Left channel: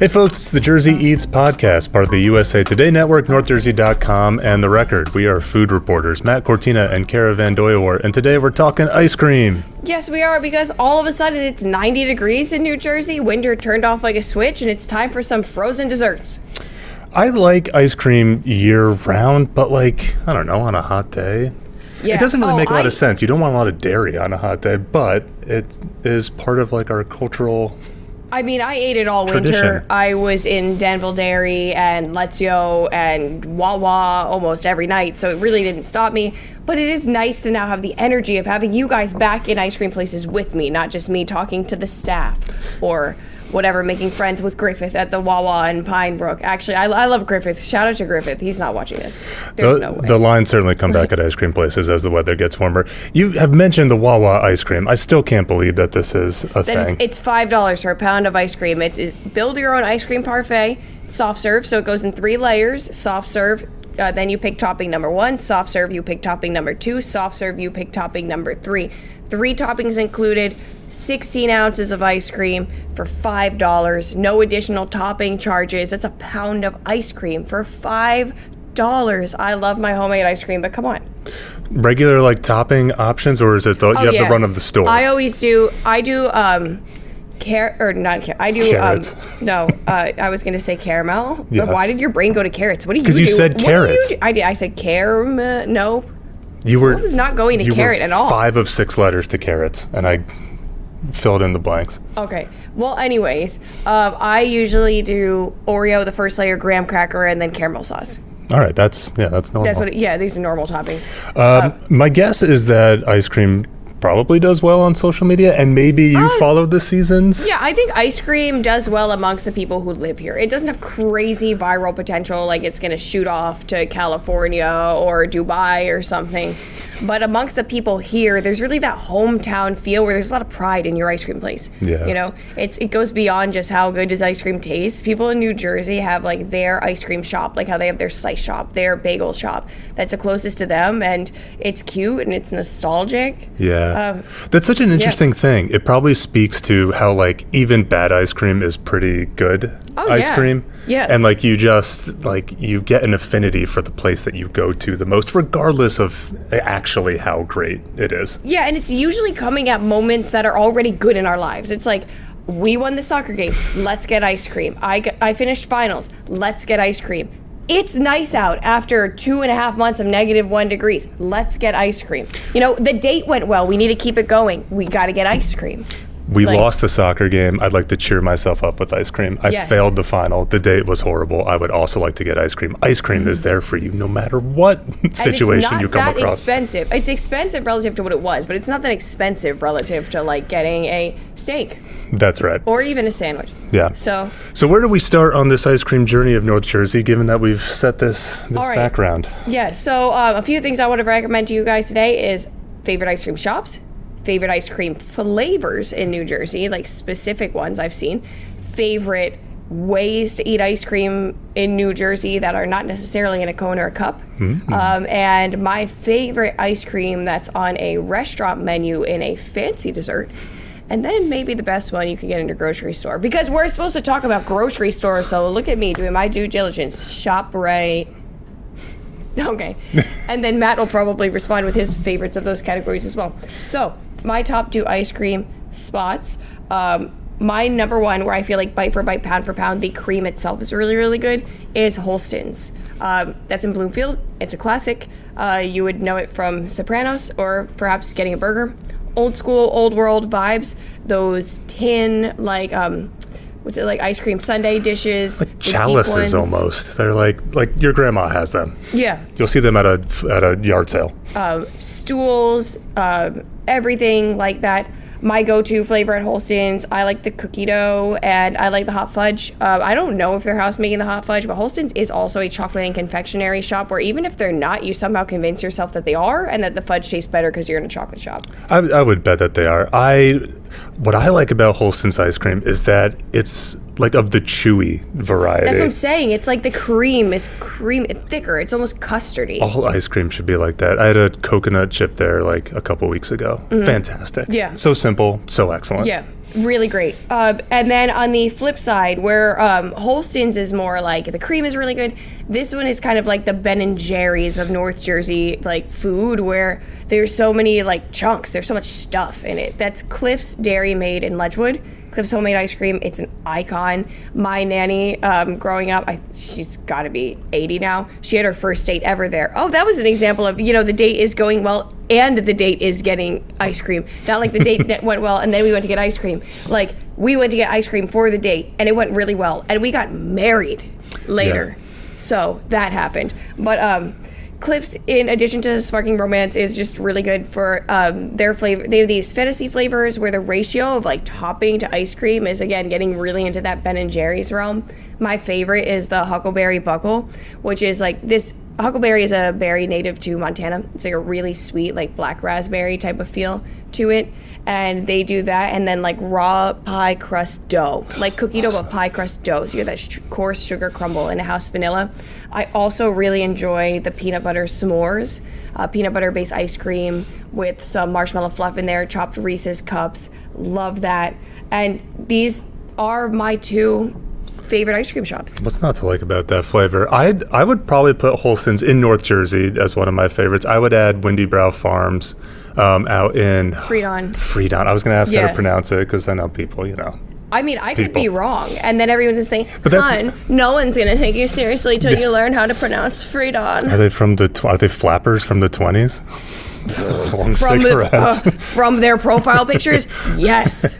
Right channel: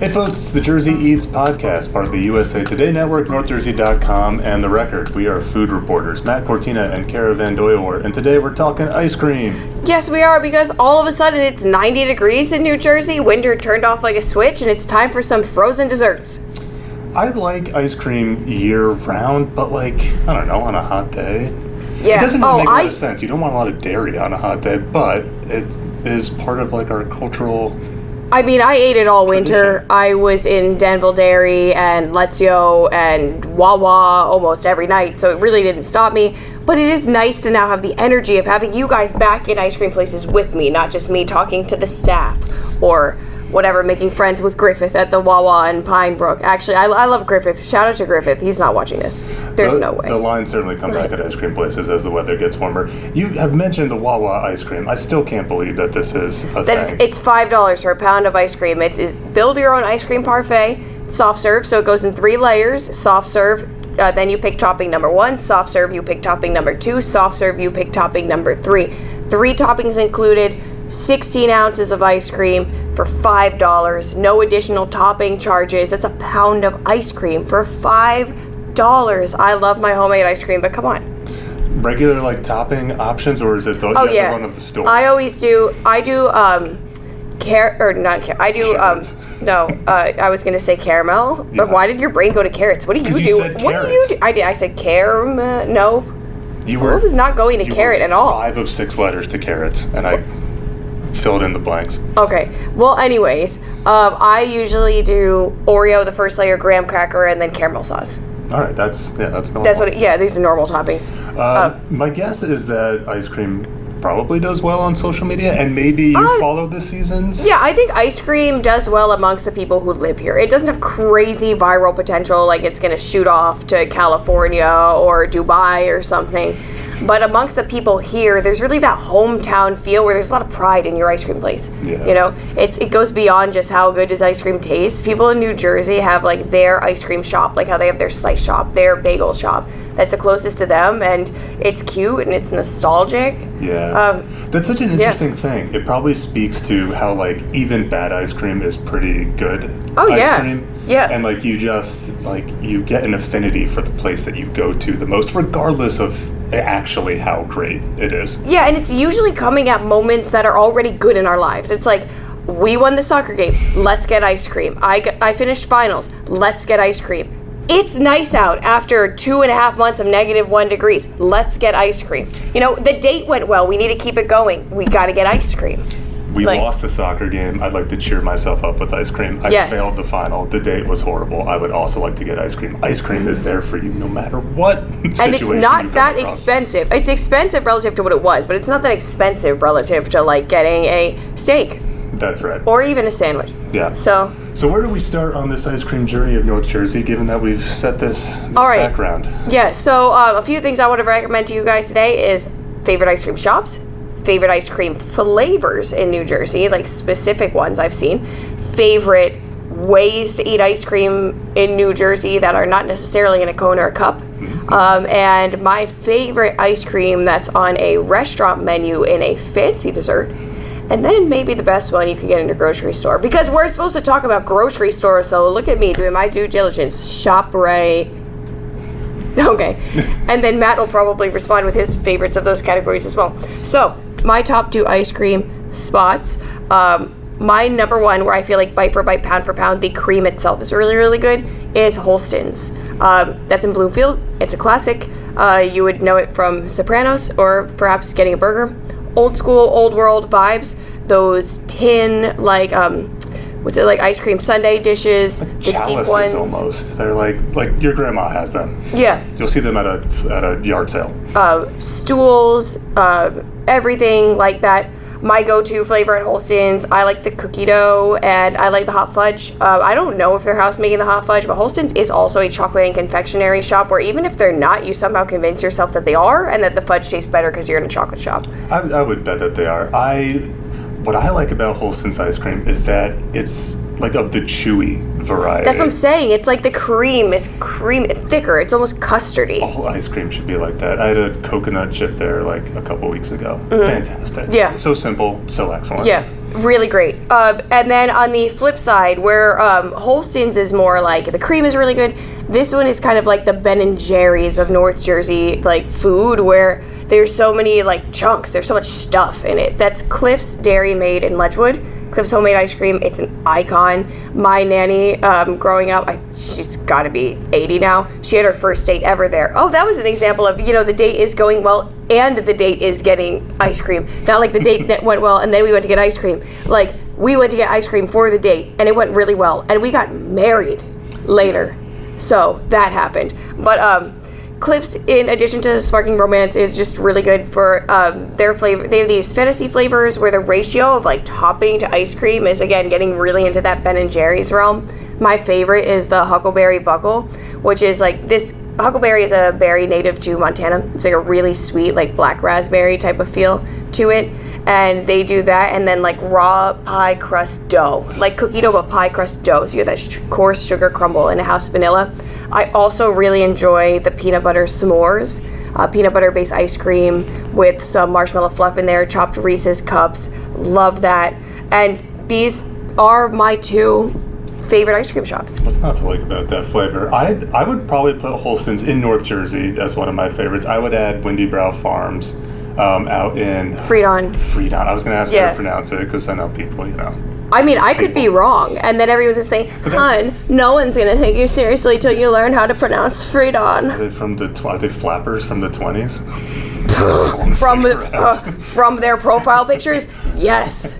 Hey folks, it's the Jersey Eats podcast, part of the USA Today Network, NorthJersey.com, and The Record. We are food reporters, Matt Cortina and Kara VanDooijeweert, and today we're talking ice cream. Yes, we are, because all of a sudden it's 90 degrees in New Jersey, winter turned off like a switch, and it's time for some frozen desserts. I like ice cream year-round, but I don't know, on a hot day. Yeah. It doesn't really make a lot of sense. You don't want a lot of dairy on a hot day, but it is part of our cultural... I mean, I ate it all tradition. winter. I was in Danville Dairy and Lazio and Wawa almost every night, so it really didn't stop me. But it is nice to now have the energy of having you guys back in ice cream places with me, not just me talking to the staff or whatever, making friends with Griffith at the Wawa in Pine Brook. Actually, I love Griffith. Shout out to Griffith. He's not watching this. There's no way. The lines certainly come back at ice cream places as the weather gets warmer. You have mentioned the Wawa ice cream. I still can't believe that this is a thing. It's $5 for a pound of ice cream. It's build your own ice cream parfait, soft serve, so it goes in 3 layers, soft serve, then you pick topping number 1, soft serve, you pick topping number 2, soft serve, you pick topping number 3. 3 toppings included, 16 ounces of ice cream for $5, no additional topping charges. That's a pound of ice cream for $5. I love my homemade ice cream, but come on. Regular topping options, or is it you have the run of the store? I always do. I do carrots. I was going to say caramel, but why did your brain go to carrots? What do you do? Because you said carrots. I did. I said caramel. No. I was not going to carrot at all. 5 of 6 letters to carrots, and I filled in the blanks. Okay. Well, anyways, I usually do Oreo, the first layer, graham cracker, and then caramel sauce. All right, that's normal. That's what. These are normal toppings. My guess is that ice cream probably does well on social media, and maybe you follow the seasons. Yeah, I think ice cream does well amongst the people who live here. It doesn't have crazy viral potential, like it's going to shoot off to California or Dubai or something. But amongst the people here, there's really that hometown feel where there's a lot of pride in your ice cream place. Yeah. You know, it goes beyond just how good does ice cream taste. People in New Jersey have their ice cream shop, like how they have their slice shop, their bagel shop. That's the closest to them, and it's cute and it's nostalgic. Yeah. That's such an interesting thing. It probably speaks to how even bad ice cream is pretty good ice cream. Yeah. And you just you get an affinity for the place that you go to the most, regardless of actually how great it is. Yeah, and it's usually coming at moments that are already good in our lives. It's we won the soccer game, let's get ice cream. I finished finals, let's get ice cream. It's nice out after 2.5 months of -1 degrees. Let's get ice cream. The date went well. We need to keep it going. We got to get ice cream. We lost the soccer game. I'd like to cheer myself up with ice cream. I failed the final. The date was horrible. I would also like to get ice cream. Ice cream is there for you no matter what situation you come across. And it's not that expensive. It's expensive relative to what it was, but it's not that expensive relative to getting a steak. That's right. Or even a sandwich. Yeah. So where do we start on this ice cream journey of North Jersey, given that we've set this background? Yeah, so a few things I want to recommend to you guys today is favorite ice cream shops, favorite ice cream flavors in New Jersey, specific ones I've seen, favorite ways to eat ice cream in New Jersey that are not necessarily in a cone or a cup, and my favorite ice cream that's on a restaurant menu in a fancy dessert. And then maybe the best one you can get in a grocery store. Because we're supposed to talk about grocery stores, so look at me doing my due diligence. Shop right. Okay. And then Matt will probably respond with his favorites of those categories as well. So, my top 2 ice cream spots. My number 1, where I feel bite for bite, pound for pound, the cream itself is really, really good, is Holston's. That's in Bloomfield. It's a classic. You would know it from Sopranos or perhaps getting a burger. Old school, old world vibes. Those tin, ice cream sundae dishes. Chalices almost. They're like your grandma has them. Yeah. You'll see them at a yard sale. Stools, everything like that. My go-to flavor at Holston's, I like the cookie dough, and I like the hot fudge. I don't know if they're house making the hot fudge, but Holston's is also a chocolate and confectionery shop where even if they're not, you somehow convince yourself that they are, and that the fudge tastes better because you're in a chocolate shop. I would bet that they are. What I like about Holston's ice cream is that it's of the chewy variety. That's what I'm saying. It's the cream is thicker. It's almost custardy. All ice cream should be like that. I had a coconut chip there a couple weeks ago. Mm-hmm. Fantastic. Yeah. So simple, so excellent. Yeah. Really great. And then on the flip side, where Holston's is more like the cream is really good, this one is kind of like the Ben and Jerry's of North Jersey, like food, where there's so many like chunks. There's so much stuff in it. That's Cliff's Dairy Made in Ledgewood. Cliff's homemade ice cream. It's an icon. My nanny, growing up, she's got to be 80 now. She had her first date ever there. Oh, that was an example of, the date is going well and the date is getting ice cream. Not like the date that went well and then we went to get ice cream. Like, we went to get ice cream for the date and it went really well. And we got married later. Yeah. So that happened. But Cliff's, in addition to Sparking Romance, is just really good for their flavor. They have these fantasy flavors where the ratio of like topping to ice cream is, again, getting really into that Ben and Jerry's realm. My favorite is the Huckleberry Buckle, which is like this. Huckleberry is a berry native to Montana. It's like a really sweet, like black raspberry type of feel to it. And they do that, and then like raw pie crust dough, like cookie dough but pie crust dough. So you get that coarse sugar crumble and a house vanilla. I also really enjoy the peanut butter s'mores, peanut butter based ice cream with some marshmallow fluff in there, chopped Reese's cups. Love that. And these are my two favorite ice cream shops. What's not to like about that flavor? I would probably put Holston's in North Jersey as one of my favorites. I would add Windy Brow Farms out in Freedon. I was going to ask how to pronounce it because I know people, I mean, I could be wrong, and then everyone's just saying, "Hun, no one's gonna take you seriously till you learn how to pronounce Freedon." Are they are they flappers from the 20s? From their profile pictures? Yes.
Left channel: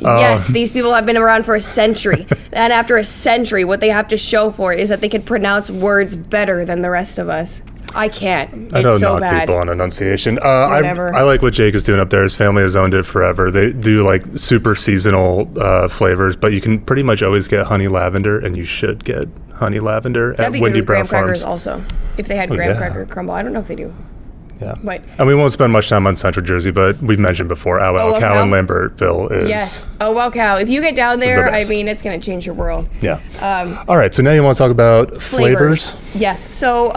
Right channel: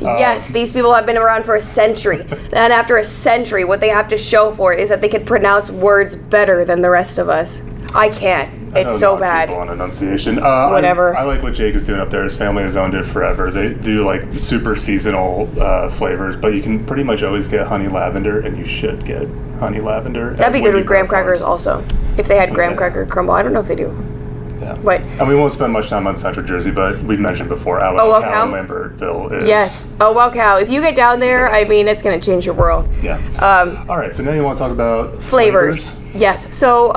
Yes, these people have been around for a century. And after a century, what they have to show for it is that they can pronounce words better than the rest of us. I can't. It's so bad. People on enunciation. Whatever. I like what Jake is doing up there. His family has owned it forever. They do like super seasonal flavors, but you can pretty much always get honey lavender, and you should get honey lavender. That'd be good with graham crackers also. If they had graham cracker crumble. I don't know if they do. Yeah. But, and we won't spend much time on Central Jersey, but we've mentioned before, Wow Cow in Lambertville is... Yes. Wow Cow. If you get down there, I mean, it's going to change your world. Yeah. All right, so now you want to talk about flavors? Yes. So,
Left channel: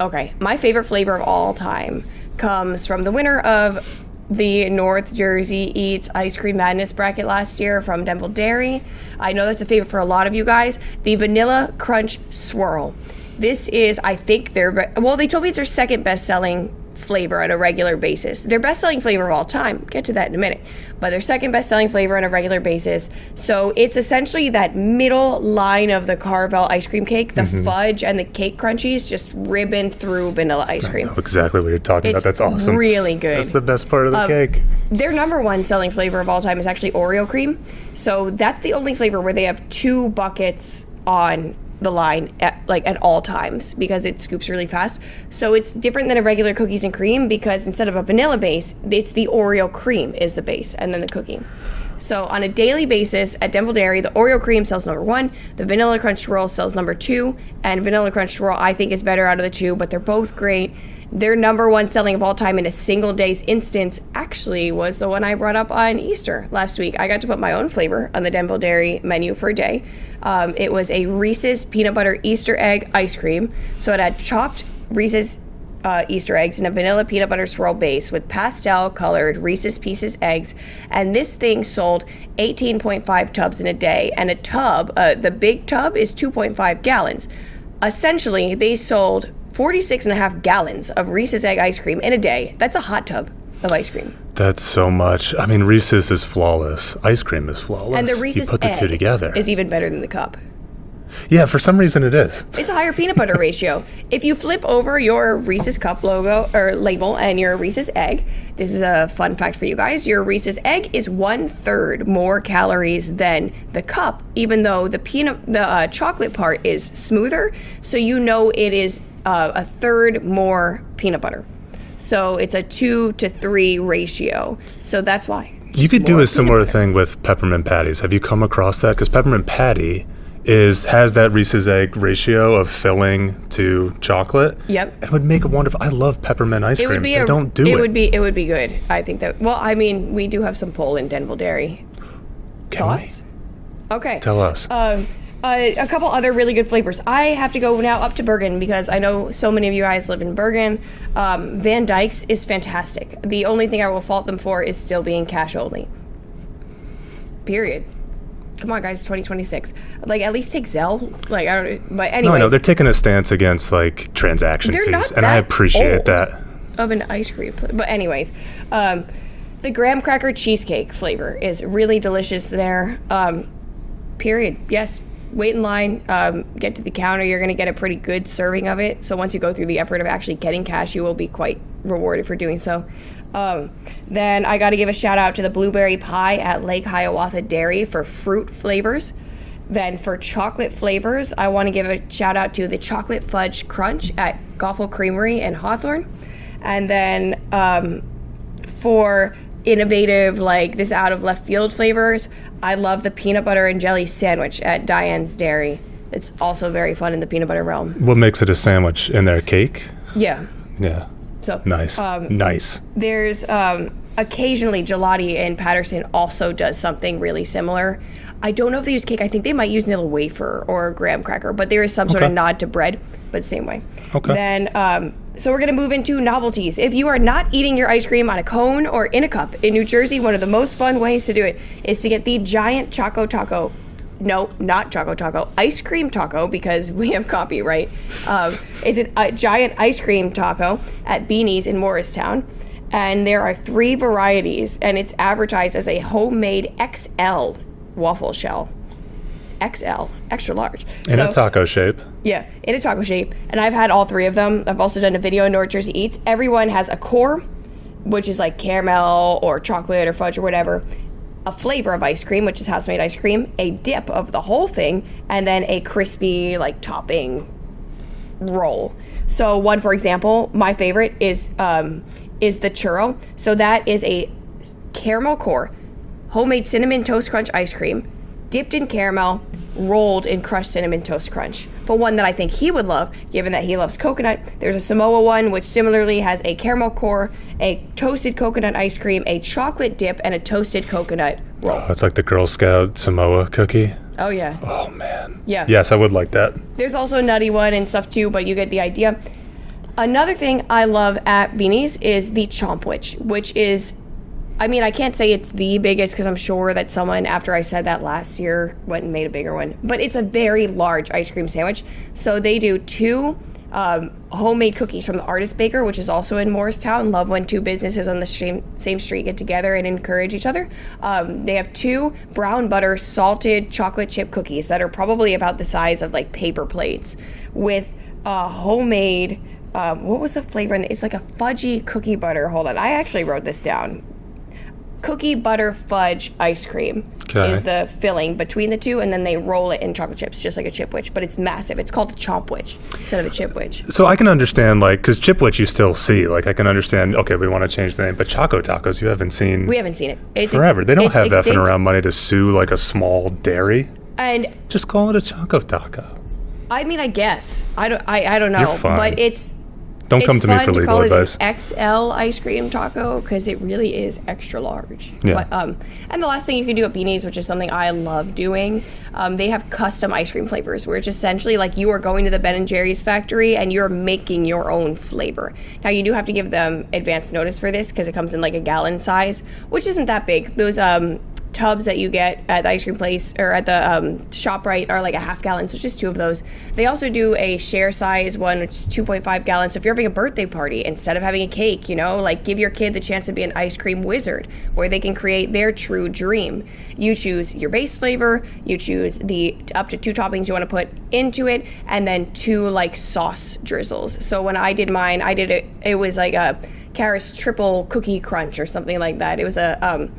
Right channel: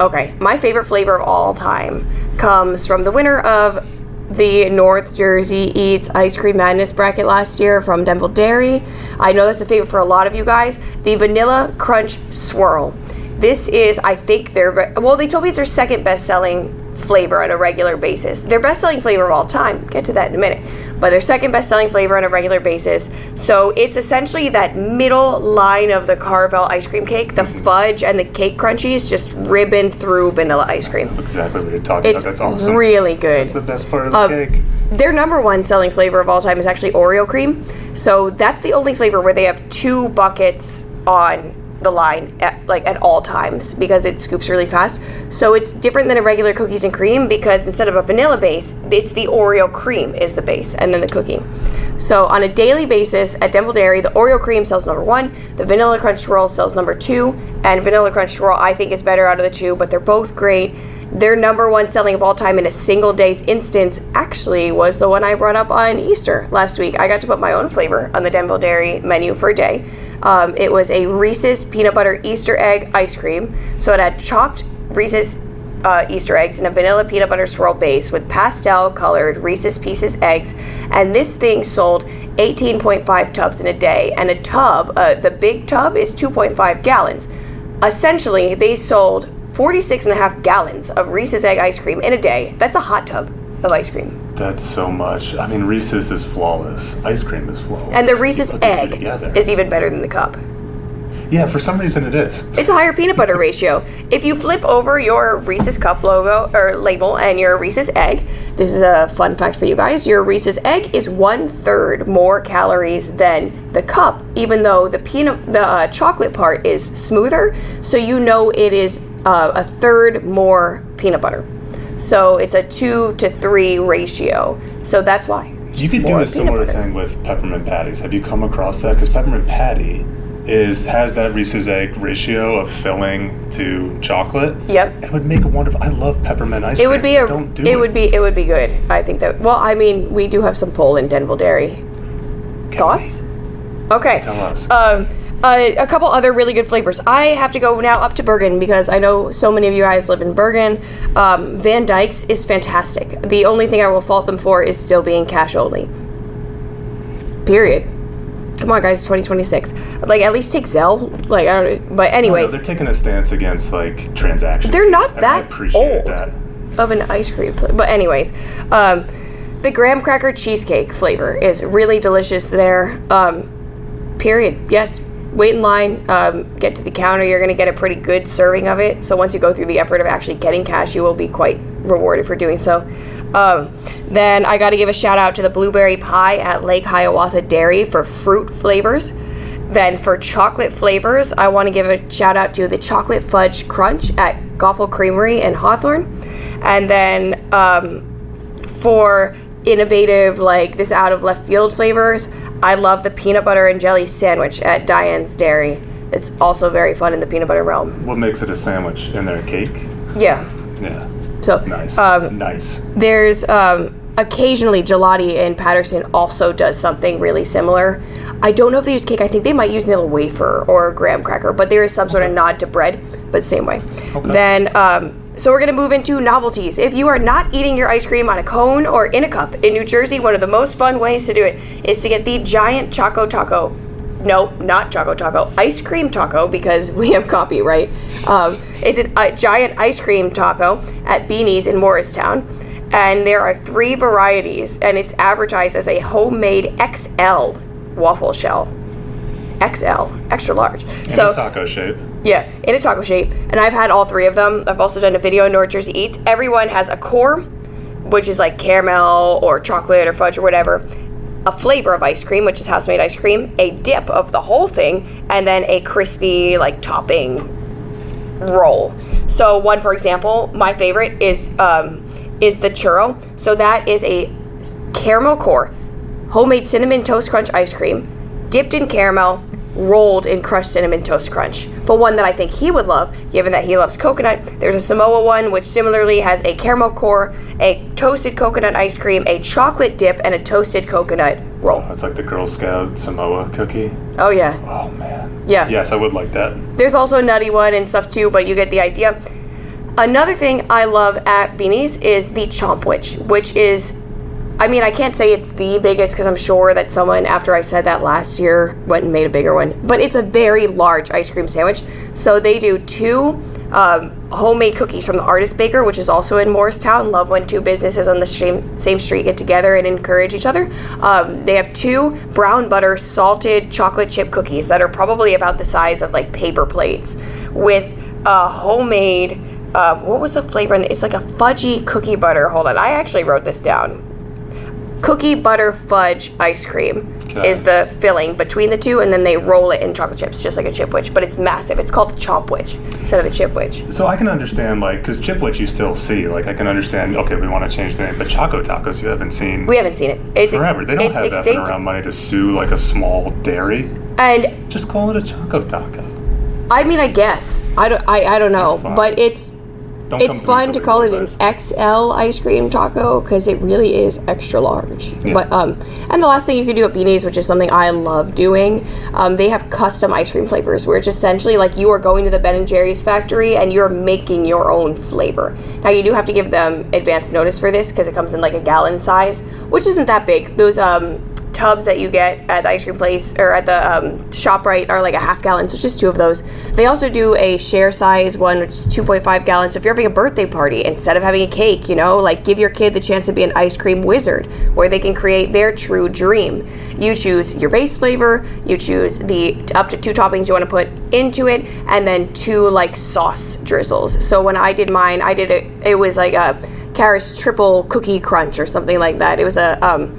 okay, my favorite flavor of all time comes from the winner of the North Jersey Eats Ice Cream Madness bracket last year from Denville Dairy. I know that's a favorite for a lot of you guys. The Vanilla Crunch Swirl. This is, I think, they told me it's their second best-selling flavor on a regular basis. Their best-selling flavor of all time, get to that in a minute, but their second best-selling flavor on a regular basis. So it's essentially that middle line of the Carvel ice cream cake, the fudge and the cake crunchies just ribbon through vanilla ice cream. I know exactly what you're talking about. That's awesome. It's really good. That's the best part of the cake. Their number one selling flavor of all time is actually Oreo cream. So that's the only flavor where they have two buckets on the line at all times because it scoops really fast. So it's different than a regular cookies and cream because instead of a vanilla base, it's the Oreo cream is the base and then the cookie. So on a daily basis at Denville Dairy, the Oreo cream sells number 1, the Vanilla Crunch Swirl sells number 2, and Vanilla Crunch Swirl I think is better out of the two, but they're both great. Their number one selling of all time in a single day's instance actually was the one I brought up on Easter last week. I got to put my own flavor on the Denville Dairy menu for a day. It was a Reese's peanut butter Easter egg ice cream. So it had chopped Reese's Easter eggs and a vanilla peanut butter swirl base with pastel colored Reese's Pieces eggs. And this thing sold 18.5 tubs in a day. And a tub, the big tub, is 2.5 gallons. Essentially, they sold 46.5 gallons of Reese's egg ice cream in a day. That's a hot tub of ice cream. That's so much. I mean, Reese's is flawless. Ice cream is flawless. And the Reese's egg is even better than the cup. Yeah, for some reason it is. It's a higher peanut butter ratio. If you flip over your Reese's cup logo or label and your Reese's egg, this is a fun fact for you guys. Your Reese's egg is 1/3 more calories than the cup, even though the chocolate part is smoother. So you know it is a third more peanut butter. So it's a 2-to-3 ratio. So that's why. You could do a similar thing with peppermint patties. Have you come across that? Because peppermint patty has that Reese's egg ratio of filling to chocolate. Yep. It would make a wonderful. I love peppermint ice cream. It would be good. I think that. Well, I mean, we do have some pull in Denville Dairy. Thoughts? Okay. Tell us. A couple other really good flavors. I have to go now up to Bergen because I know so many of you guys live in Bergen. Van Dyke's is fantastic. The only thing I will fault them for is still being cash only. Period. Come on, guys, 2026. Like, at least take Zell. Like, I don't know. But anyways. No, they're taking a stance against, like, transaction They're fees, not and that I appreciate old that. Of an ice cream flavor. But anyways, the graham cracker cheesecake flavor is really delicious there. Period. Yes. Wait in line, get to the counter, you're going to get a pretty good serving of it. So once you go through the effort of actually getting cash, you will be quite rewarded for doing so. Then I got to give a shout out to the blueberry pie at Lake Hiawatha Dairy for fruit flavors. Then for chocolate flavors, I want to give a shout out to the chocolate fudge crunch at Goffle Creamery in Hawthorne. And then for innovative, like this out of left field flavors, I love the peanut butter and jelly sandwich at Diane's Dairy. It's also very fun in the peanut butter realm. What makes it a sandwich? In their cake? Yeah. Yeah. So nice. Nice. There's occasionally Gelati in Patterson also does something really similar. I don't know if they use cake. I think they might use a wafer or a graham cracker, but there is some sort of nod to bread, but same way. Okay. Then so we're going to move into novelties. If you are not eating your ice cream on a cone or in a cup in New Jersey, one of the most fun ways to do it is to get the giant Choco Taco. No, not Choco Taco. Ice cream taco, because we have copyright. It's a giant ice cream taco at Beanie's in Morristown. And there are 3 varieties, and it's advertised as a homemade XL waffle shell. XL, extra large. In a taco shape. Yeah, in a taco shape. And I've had all 3 of them. I've also done a video on North Jersey Eats. Everyone has a core, which is like caramel or chocolate or fudge or whatever. A flavor of ice cream, which is house-made ice cream. A dip of the whole thing. And then a crispy, like, topping roll. So one, for example, my favorite is the churro. So that is a caramel core, homemade cinnamon toast crunch ice cream, dipped in caramel, rolled in crushed cinnamon toast crunch. But one that I think he would love, given that he loves coconut, there's a Samoa one, which similarly has a caramel core, a toasted coconut ice cream, a chocolate dip, and a toasted coconut roll. Oh, it's like the Girl Scout Samoa cookie. Oh, yeah. Oh, man. Yeah. Yes, I would like that. There's also a nutty one and stuff, too, but you get the idea. Another thing I love at Beanie's is the Chompwich, which is, I mean, I can't say it's the biggest because I'm sure that someone, after I said that last year, went and made a bigger one. But it's a very large ice cream sandwich. So they do 2 homemade cookies from the Artist Baker, which is also in Morristown. Love when 2 businesses on the same street get together and encourage each other. They have 2 brown butter salted chocolate chip cookies that are probably about the size of like paper plates with homemade, what was the flavor? It's like a fudgy cookie butter. Hold on, I actually wrote this down. Cookie butter fudge ice cream is the filling between the 2, and then they roll it in chocolate chips, just like a Chipwich, but it's massive. It's called a Chompwich instead of a Chipwich. So I can understand, like, because Chipwich you still see. Like, I can understand, okay, we want to change the name, but Choco Tacos you haven't seen. We haven't seen it. It's forever. They don't have extinct. effing around money to sue, like, a small dairy. And just call it a Choco Taco. I mean, I guess. I don't know. But Don't come to me for fun to legal call advice. it an XL ice cream taco because it really is extra large. Yeah. But and the last thing you can do at Beanie's, which is something I love doing, they have custom ice cream flavors where it's essentially like you are going to the Ben & Jerry's factory and you're making your own flavor. Now you do have to give them advance notice for this because it comes in like a gallon size, which isn't that big. Those tubs that you get at the ice cream place or at the ShopRite are like a half gallon, so it's just 2 of those. They also do a share size one, which is 2.5 gallons. So if you're having a birthday party, instead of having a cake, like give your kid the chance to be an ice cream wizard where they can create their true dream. You choose your base flavor, you choose the up to 2 toppings you want to put into it, and then 2 like sauce drizzles. So when I did mine, it was like a Kara's triple cookie crunch or something like that. It was a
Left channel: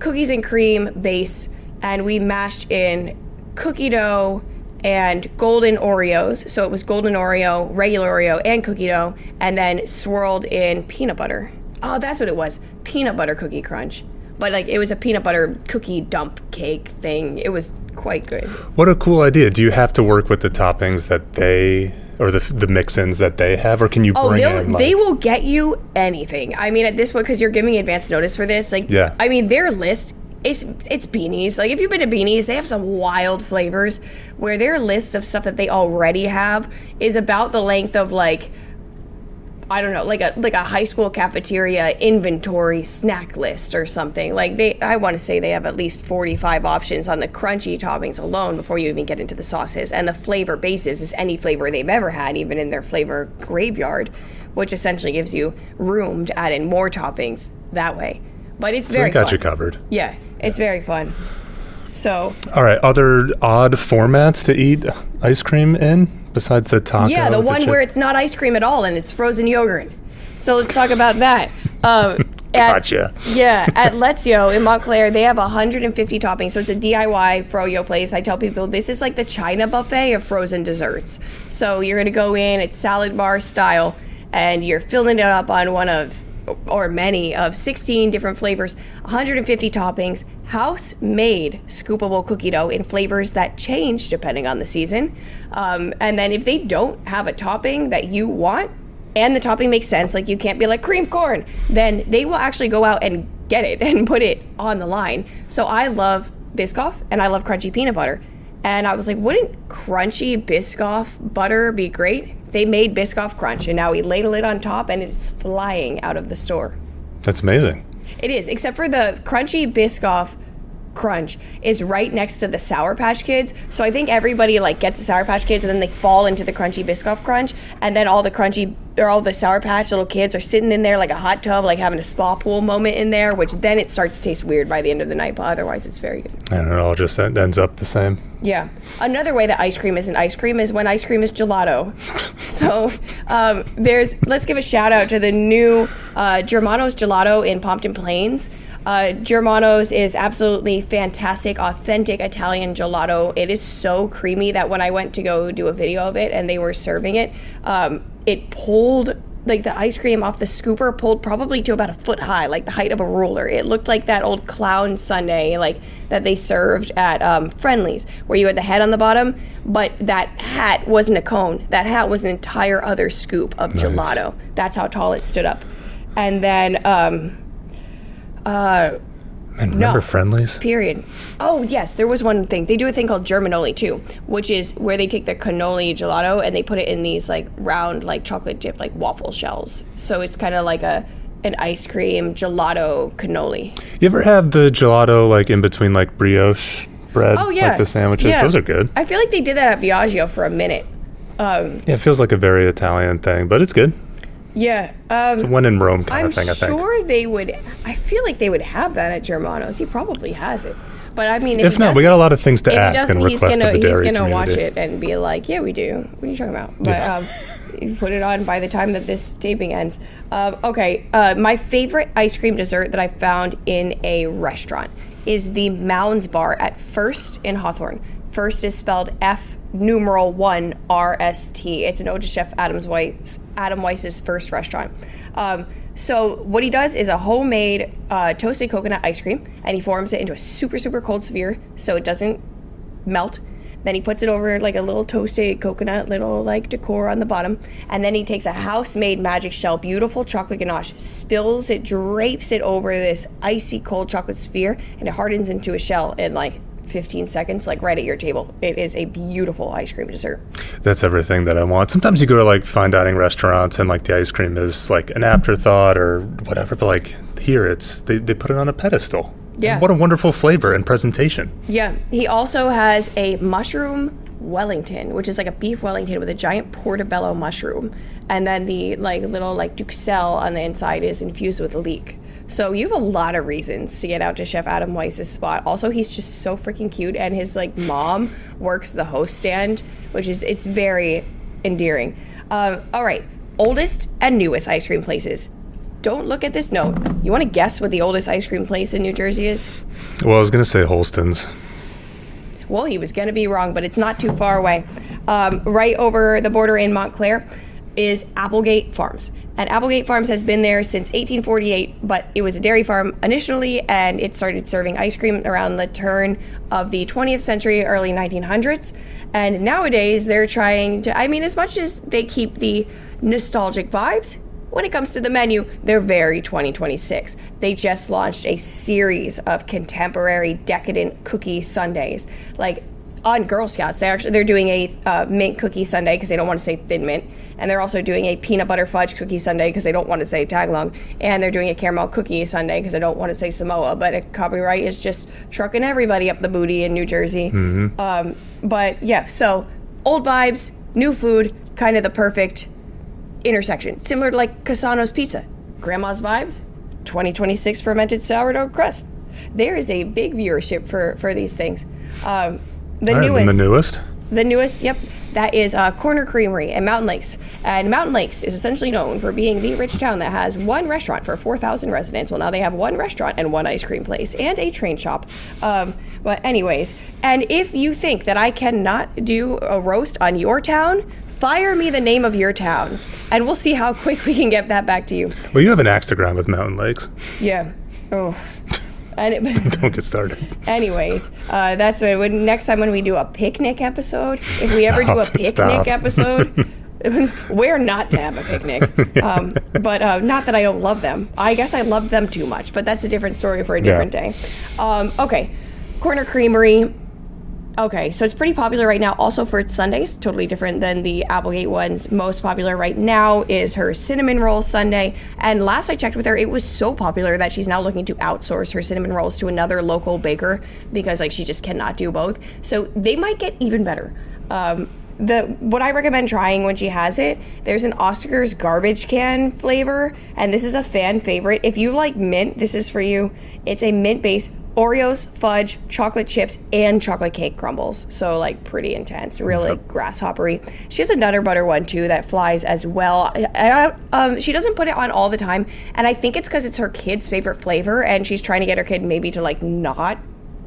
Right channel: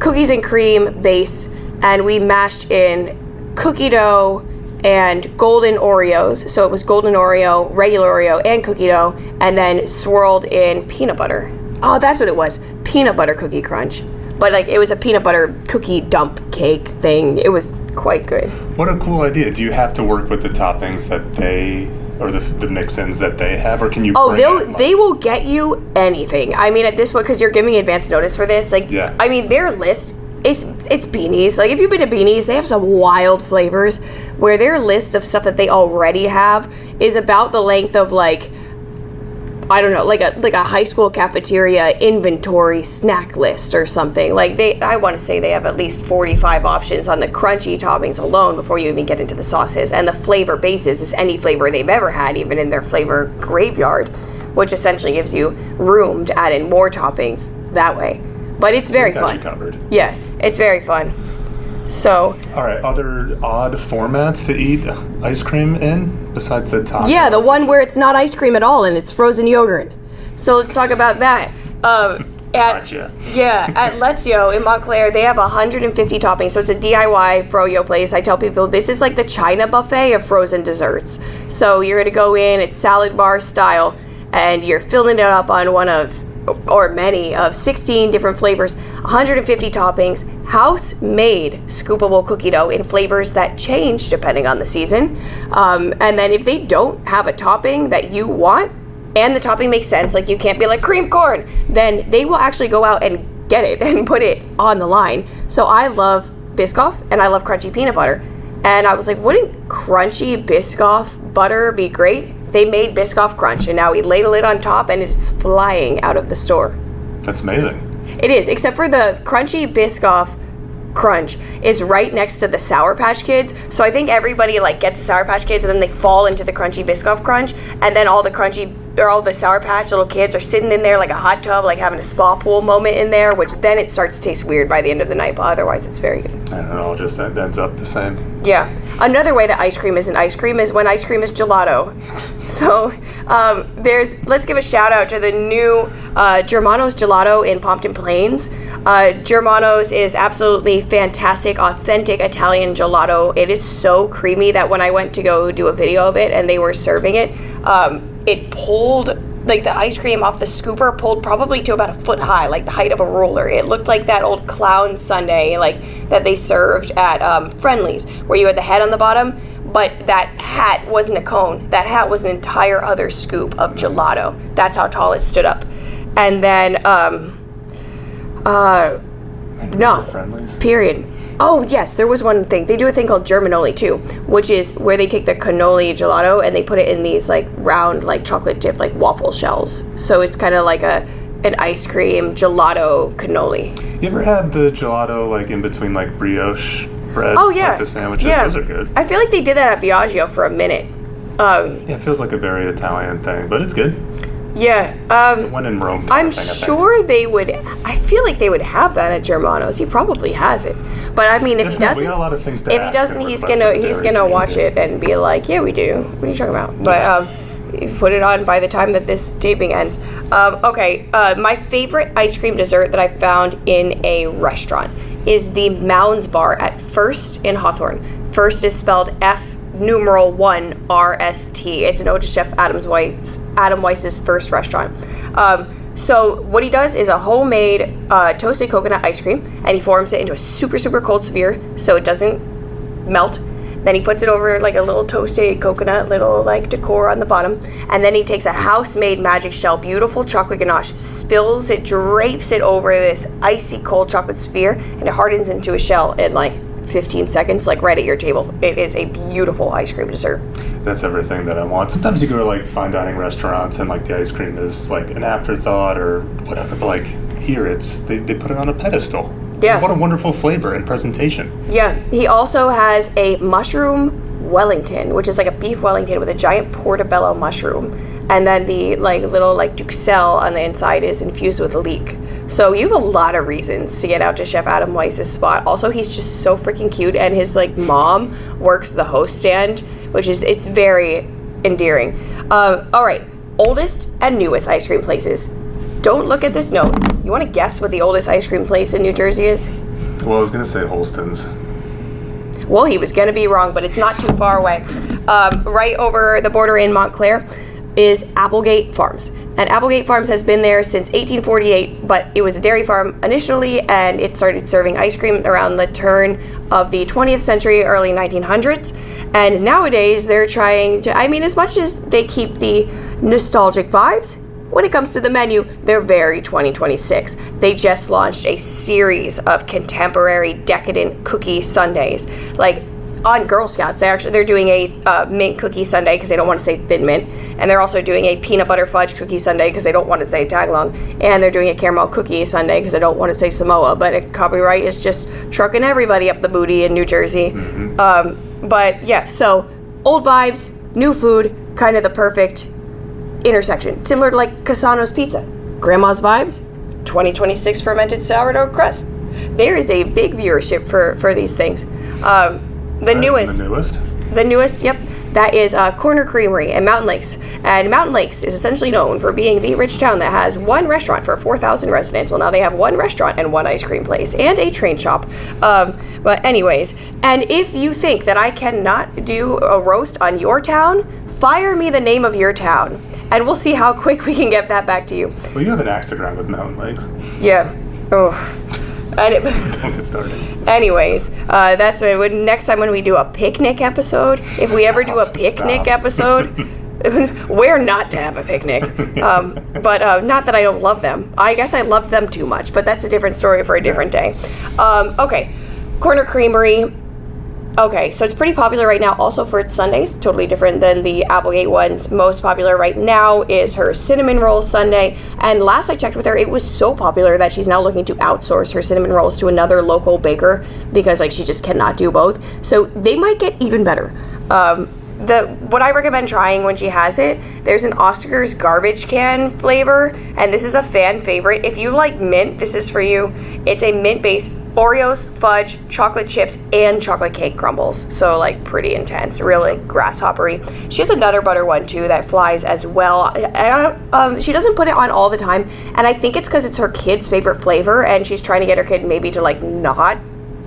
cookies and cream base, and we mashed in cookie dough and golden Oreos. So it was golden Oreo, regular Oreo, and cookie dough, and then swirled in peanut butter. Oh, that's what it was. Peanut butter cookie crunch. But like it was a peanut butter cookie dump cake thing. It was quite good. What a cool idea. Do you have to work with the toppings that they or the mix-ins that they have, or can you bring in, like, they will get you anything. I mean, at this point, because you're giving me advance notice for this, like, yeah. I mean, their list, it's Beanie's. Like, if you've been to Beanie's, they have some wild flavors where their list of stuff that they already have is about the length of, like, I don't know, like a high school cafeteria inventory snack list or something. Like I want to say they have at least 45 options on the crunchy toppings alone before you even get into the sauces. And the flavor basis is any flavor they've ever had, even in their flavor graveyard, which essentially gives you room to add in more toppings that way. But it's very fun. Got you covered. Yeah, it's very fun. So. All right, other odd formats to eat ice cream in besides the taco? Yeah, the one where it's not ice cream at all and it's frozen yogurt. So let's talk about that. Gotcha. Yeah, at Lezio in Montclair, they have 150 toppings. So it's a DIY froyo place. I tell people this is like the China buffet of frozen desserts. So you're going to go in, it's salad bar style, and you're filling it up on one of, or many of 16 different flavors, 150 toppings, house-made scoopable cookie dough in flavors that change depending on the season. And then if they don't have a topping that you want, and the topping makes sense, like you can't be like cream corn, then they will actually go out and get it and put it on the line. So I love Biscoff and I love crunchy peanut butter. And I was like, wouldn't crunchy Biscoff butter be great? They made Biscoff Crunch, and now we ladle it on top, and it's flying out of the store. That's amazing. It is, except for the crunchy Biscoff Crunch is right next to the Sour Patch Kids. So I think everybody like gets the Sour Patch Kids, and then they fall into the crunchy Biscoff Crunch, and then all the Sour Patch little kids are sitting in there like a hot tub, like having a spa pool moment in there, which then it starts to taste weird by the end of the night, but otherwise it's very good. And it all just ends up the same. Yeah. Another way that ice cream isn't ice cream is when ice cream is gelato. So let's give a shout out to the new Germano's Gelato in Pompton Plains. Germano's is absolutely fantastic, authentic Italian gelato. It is so creamy that when I went to go do a video of it and they were serving it, it pulled, like the ice cream off the scooper pulled probably to about a foot high, like the height of a ruler. It looked like that old clown sundae, like that they served at Friendly's, where you had the head on the bottom, but that hat wasn't a cone. That hat was an entire other scoop of gelato. Nice. That's how tall it stood up. And then, Friendly's? Period. Oh, yes, there was one thing. They do a thing called Germanoli, too, which is where they take the cannoli gelato and they put it in these, like, round, like, chocolate dip, like, waffle shells. So it's kind of like an ice cream gelato cannoli. You ever had the gelato, like, in between, like, brioche bread? Oh, yeah. Like the sandwiches? Yeah. Those are good. I feel like they did that at Biagio for a minute. Yeah, it feels like a very Italian thing, but it's good. Yeah. It's a when in Rome kind of thing, I think. I'm sure they would. I feel like they would have that at Germano's. He probably has it. But I mean, if he doesn't, we got a lot of things to ask. If he doesn't, he's gonna watch it and be like, "Yeah, we do. What are you talking about?" But put it on by the time that this taping ends. Okay. My favorite ice cream dessert that I found in a restaurant is the Mounds Bar at First in Hawthorne. First is spelled F*1 RST. It's an ode to Chef Adam Weiss's first restaurant. So what he does is a homemade toasted coconut ice cream, and he forms it into a super, super cold sphere so it doesn't melt. Then he puts it over like a little toasted coconut, little like decor on the bottom, and then he takes a house-made magic shell, beautiful chocolate ganache, spills it, drapes it over this icy cold chocolate sphere, and it hardens into a shell in like 15 seconds, like right at your table. It is a beautiful ice cream dessert. That's everything that I want. Sometimes you go to like fine dining restaurants and like the ice cream is like an afterthought or whatever, but like here it's they put it on a pedestal. Yeah. What a wonderful flavor and presentation. Yeah. He also has a mushroom Wellington, which is like a beef Wellington with a giant portobello mushroom, and then the like little like duxelle on the inside is infused with leek. So you have a lot of reasons to get out to Chef Adam Weiss's spot. Also, he's just so freaking cute, and his like mom works the host stand, which is it's very endearing. All right, oldest and newest ice cream places. Don't look at this note. You want to guess what the oldest ice cream place in New Jersey is? Well, I was gonna say Holston's. Well, he was going to be wrong, but it's not too far away. Right over the border in Montclair is Applegate Farms. And Applegate Farms has been there since 1848, but it was a dairy farm initially, and it started serving ice cream around the turn of the 20th century, early 1900s. And nowadays, they're trying to, I mean, as much as they keep the nostalgic vibes, when it comes to the menu, they're very 2026. They just launched a series of contemporary decadent cookie sundaes. Like, on Girl Scouts. They're doing a mint cookie sundae because they don't want to say thin mint, and they're also doing a peanut butter fudge cookie sundae because they don't want to say tagalong, and they're doing a caramel cookie sundae because they don't want to say Samoa. But copyright is just trucking everybody up the booty in New Jersey. But yeah, so old vibes, new food, kind of the perfect intersection. Similar to like Casano's Pizza. Grandma's vibes, 2026 fermented sourdough crust. There is a big viewership for these things. The newest, yep, that is Corner Creamery in Mountain Lakes. And Mountain Lakes is essentially known for being the rich town that has one restaurant for 4,000 residents. Well, now they have one restaurant and one ice cream place and a train shop. But anyways, and if you think that I cannot do a roast on your town, fire me the name of your town, and we'll see how quick we can get that back to you. Well, you have an axe to grind with Mountain Lakes. Yeah. Oh. Don't get started. Anyways, that's right. Next time when we do a picnic episode, if we ever do a picnic episode, we're not to have a picnic. But not that I don't love them. I guess I love them too much, but that's a different story for a different day. Okay, Corner Creamery. Okay, so it's pretty popular right now also for its sundaes, totally different than the Applegate ones. Most popular right now is her cinnamon roll sundae, and last I checked with her, it was so popular that she's now looking to outsource her cinnamon rolls to another local baker because like she just cannot do both. So they might get even better. What I recommend trying when she has it, there's an Oscar's garbage can flavor, and this is a fan favorite. If you like mint, this is for you. It's a mint-based Oreos, fudge, chocolate chips, and chocolate cake crumbles. So, like, pretty intense, really grasshoppery. She has a Nutter Butter one, too, that flies as well. She doesn't put it on all the time, and I think it's because it's her kid's favorite flavor, and she's trying to get her kid maybe to, like, not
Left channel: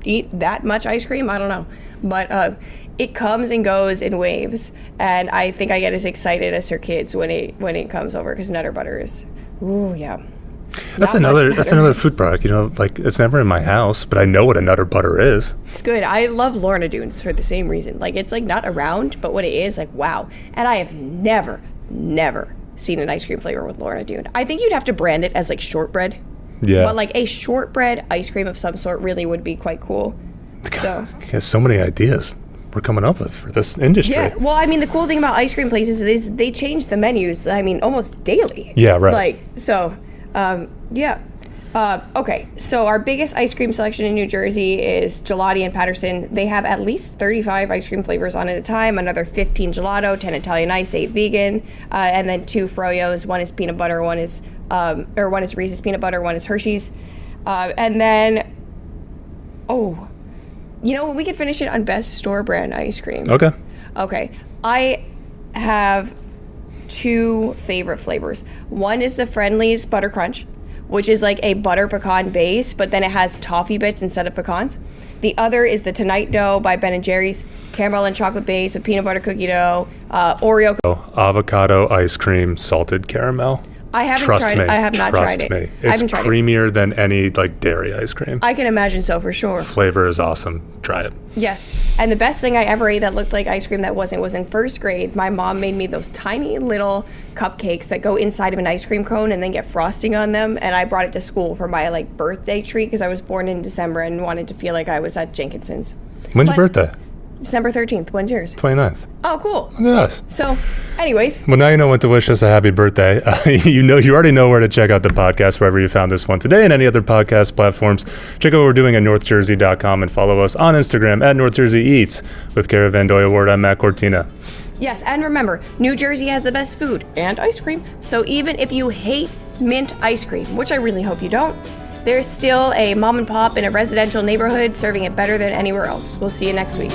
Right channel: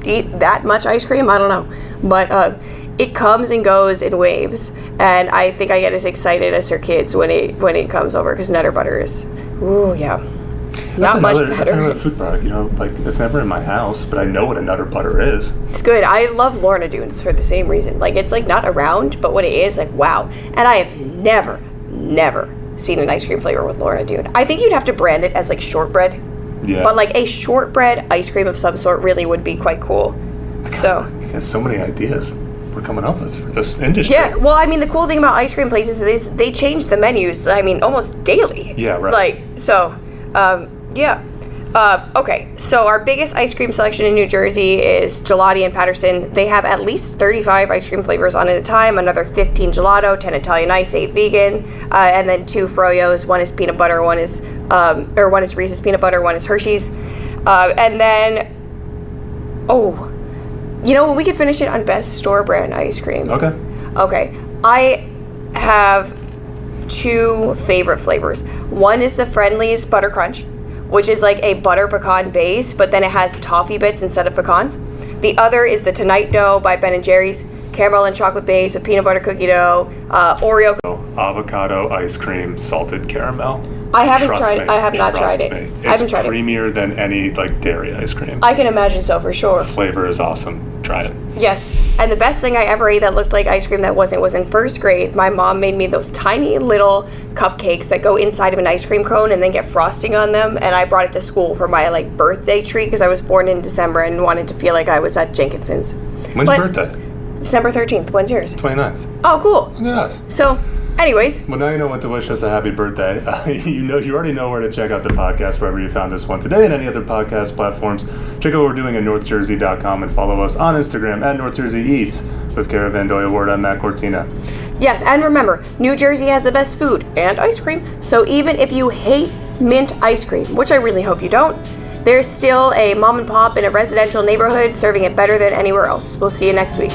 eat that much ice cream. I don't know. But it comes and goes in waves, and I think I get as excited as her kids when it comes over, because Nutter Butter is, ooh, yeah. That's another food product, you know, like it's never in my house, but I know what a Nutter Butter is. It's good. I love Lorna Doones for the same reason. Like, it's like not around, but when it is, like, wow. And I have never seen an ice cream flavor with Lorna Doone. I think you'd have to brand it as like shortbread. Yeah. But like a shortbread ice cream of some sort really would be quite cool. So he has so many ideas we're coming up with for this industry. Yeah, well, I mean, the cool thing about ice cream places is they change the menus, I mean, almost daily. Yeah, right. Like, so, yeah. Okay, so our biggest ice cream selection in New Jersey is Gelati and Patterson. They have at least 35 ice cream flavors on at a time, another 15 gelato, 10 Italian ice, 8 vegan, and then 2 froyos. One is peanut butter, one is Reese's peanut butter, one is Hershey's. And then, you know, we could finish it on best store brand ice cream. Okay. I have 2 favorite flavors. One is the Friendly's Butter Crunch, which is like a butter pecan base, but then it has toffee bits instead of pecans. The other is the Tonight Dough by Ben & Jerry's, caramel and chocolate base with peanut butter cookie dough, Oreo. Avocado ice cream, salted caramel. I haven't tried it. I have not tried it. I haven't tried it. It's creamier than any like dairy ice cream. I can imagine so, for sure. The flavor is awesome. Try it. Yes. And the best thing I ever ate that looked like ice cream that wasn't was in first grade. My mom made me those tiny little cupcakes that go inside of an ice cream cone and then get frosting on them. And I brought it to school for my like birthday treat because I was born in December and wanted to feel like I was at Jenkinson's. When's your birthday? December 13th. When's yours? 29th. Oh, cool. Look at us. So, anyways. Well, now you know when to wish us a happy birthday. You already know where to check out the podcast, wherever you found this one today, and any other podcast platforms. Check out what we're doing at northjersey.com and follow us on Instagram at NorthJerseyEats with Cara VanDooijeweert. I'm Matt Cortina. Yes, and remember, New Jersey has the best food and ice cream. So even if you hate mint ice cream, which I really hope you don't, there's still a mom and pop in a residential neighborhood serving it better than anywhere else. We'll see you next week.